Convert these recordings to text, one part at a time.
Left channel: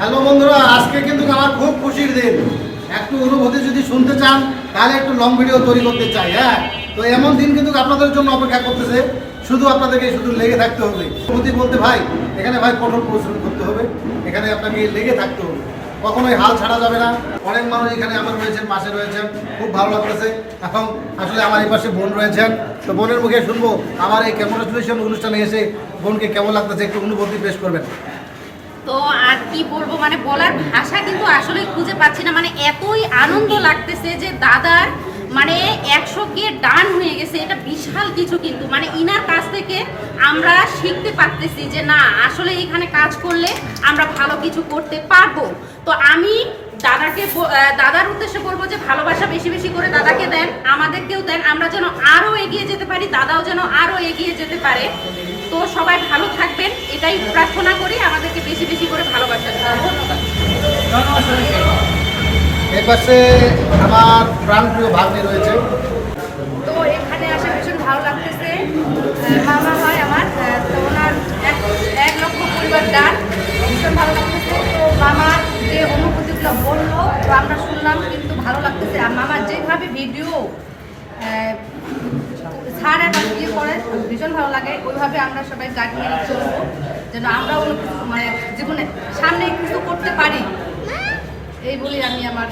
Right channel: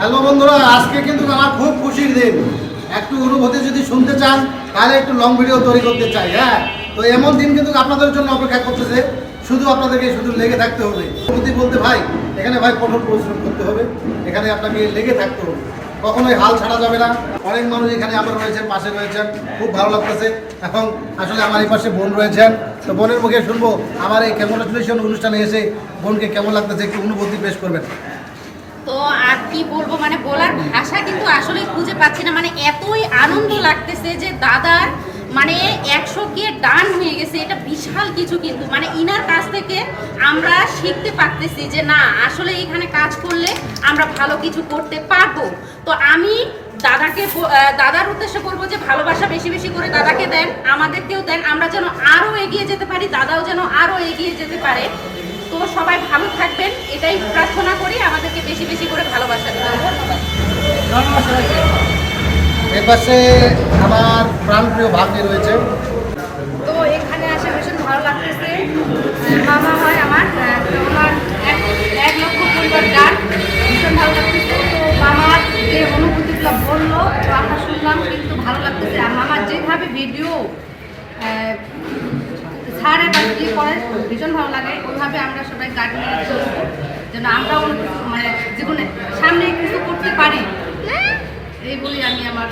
Hello বন্ধুরা, আজকে কিন্তু আমার খুব খুশির দিন। একটু অনুভূতি যদি শুনতে চান তাহলে একটু লং ভিডিও তৈরি করতে চাই। হ্যাঁ, তো এমন দিন কিন্তু আপনাদের জন্য অপেক্ষা করতেছে। শুধু আপনাদেরকে শুধু লেগে থাকতে হবে। অনুভূতি বলতে ভাই, এখানে ভাই কঠোর পরিশ্রম করতে হবে, এখানে আপনাকে লেগে থাকতে হবে, কখনোই হাল ছাড়া যাবে না। অনেক মানুষ এখানে আমার রয়েছেন, পাশে রয়েছেন, খুব ভালো লাগতেছে। এখন আসলে আমার এই পাশে বোন রয়েছেন, তো বোনের মুখে শুনবো আমার এই কংগ্রাচুলেশন অনুষ্ঠানে এসে বোনকে কেমন লাগতেছে, একটু অনুভূতি পেশ করবেন। তো আর কি বলবো, মানে বলার ভাষা কিন্তু আসলে খুঁজে পাচ্ছি না। মানে এতই আনন্দ লাগতেছে যে দাদার মানে 100K ডান হয়ে গেছে, এটা বিশাল কিছু। কিন্তু মানে ইনার কাছ থেকে আমরা শিখতে পারতেছি যে না, আসলে এখানে কাজ করলে আমরা ভালো কিছু করতে পারবো। তো আমি দাদার উদ্দেশ্যে বলবো যে ভালোবাসা বেশি বেশি করে দাদাকে দেন, আমাদেরকেও দেন, আমরা যেন আরো এগিয়ে যেতে পারি, দাদাও যেন আরো এগিয়ে যেতে পারে। তো সবাই ভালো থাকবেন, এটাই প্রার্থনা করি। আমাদেরকে বেশি বেশি করে ভালোবাসা দিতে হবে। ধন্যবাদ। এর পাশে আমার প্রাণপ্রিয় ভাগ্নি রয়েছে। তো এখানে আসে ভীষণ ভালো লাগতেছে। মামা হয় আমার, তো ওনার এক লক্ষ পরিবার ডান, ভীষণ ভালো লাগতেছে। তো মামার যে অনুভূতিগুলো বললো আমরা শুনলাম, কিন্তু ভালো লাগতেছে। আর মামার যেভাবে ভিডিও ছাড় এবার ইয়ে করেন ভীষণ ভালো লাগে। ওইভাবে আমরা সবাই গাড়ি মেরে চলবো, যেন আমরাও মানে জীবনে সামনে কিছু করতে পারি, এই বলি আমি আমার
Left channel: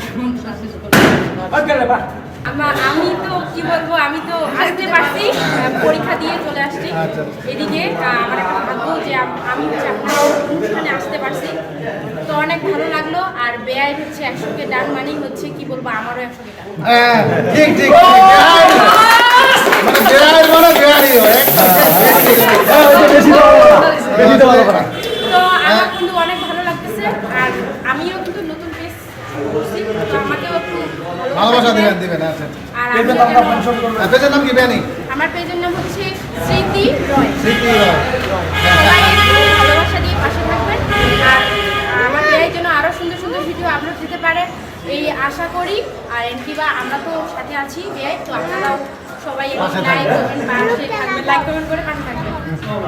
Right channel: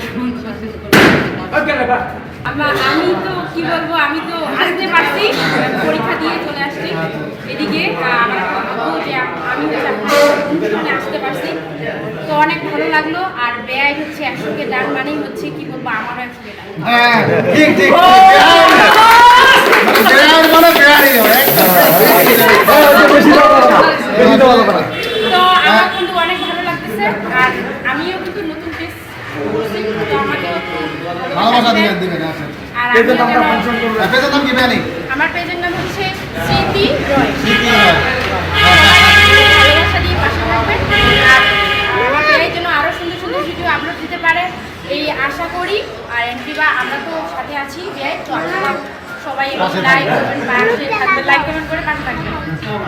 আমি তো কি বলবো, আমি তো আসতে পারছি, পরীক্ষা দিয়ে চলে আসছি এদিকে। আমার একটা ভাগ্য যে আমি অনুষ্ঠানে আসতে পারছি, তো অনেক ভালো লাগলো। আর ব্যয় হচ্ছে 100K ডান, মানেই হচ্ছে কি বলবো, আমারও 100K ডান। হ্যাঁ, ঠিক ঠিক। তো আমার কিন্তু অনেক ভালো লাগতেছে। আর আমিও কিন্তু নতুন পেজ করছি, তো আমাকেও ভালোবাসা দিবেন। আর পেজের নাম কি জানি? আমার পেজের নাম হচ্ছে স্মৃতি রয়। স্মৃতি রয়। সবাই একটু ভালোবাসা দিয়ে পাশে থাকবেন। আর আমার এই জন্য আরো সুন্দর সুন্দর ভিডিও আপলোড দিতে পারে এই আশা করি। আর এনকিবা আমরা তো সাথে আছি ব্যয়, তো আপনারাও সবাই লাইক কমেন্ট করে পাশে থাকবেন।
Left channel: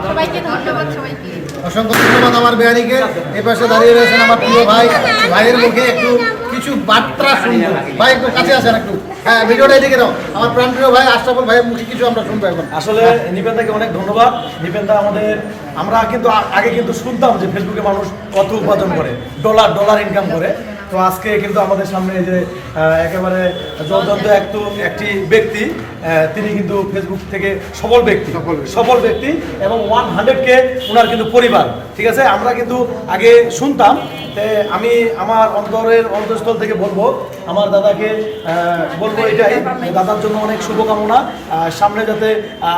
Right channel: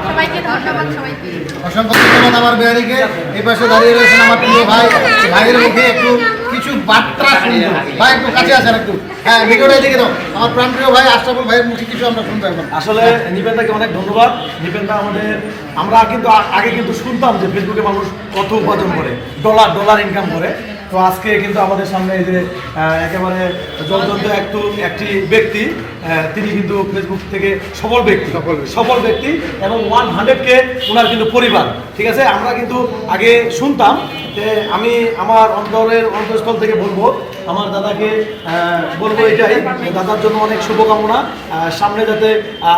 সবাইকে ধন্যবাদ। সবাইকে অসংখ্য ধন্যবাদ আমার বেয়ারিকে। এই পাশে দাঁড়িয়ে রয়েছেন আমার প্রিয় ভাই। ভাইয়ের মুখে একটু কিছু বার্তা শুনবো। ভাই একটু কাছে আসেন একটু। হ্যাঁ, ভিডিওটা এদিকে দাও। আমার প্রাণপ্রিয় ভাই আশরাফুল ভাইয়ের মুখে কিছু আমরা শুনতে পারবো। আসলে নিপেনদাকে অনেক ধন্যবাদ। নিপেনদা আমরা কিন্তু আগে কিন্তু শুনতাম যে ফেসবুকে মানুষ কত উপার্জন করে, ডলার ইনকাম করে। তো আজকে কিন্তু আমাদের সামনে এই যে একেবারে জলজন্ত একটি ব্যক্তি, তিনি কিন্তু ফেসবুক থেকে সফল ব্যক্তি এবং 100K ওনার কিন্তু পরিবার। ঠিক আছে, আমরা কিন্তু আগে শুনতাম। আমি আমার অন্তঃস্থল থেকে বলবো, আমার দাদাকে বলবো এটাই, দাদার জন্য অনেক শুভকামনা। সামনে যাতে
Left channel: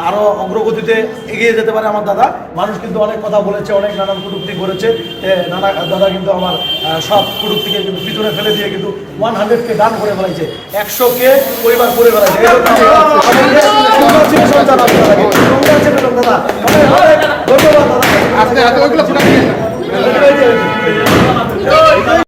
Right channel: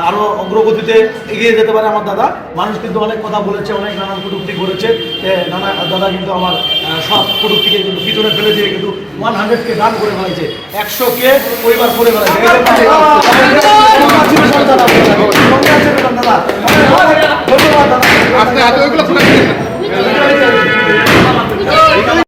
আরও অগ্রগতিতে এগিয়ে যেতে পারে আমার দাদা। মানুষ কিন্তু অনেক কথা বলেছে, অনেক নানান কটূক্তি করেছে। দাদা কিন্তু আমার সব কটূক্তিকে কিন্তু পিছনে ফেলে দিয়ে কিন্তু 100K ডান করে ফেলাইছে, 100K পরিবার করে ফেলাইছে। ধন্যবাদ দাদা।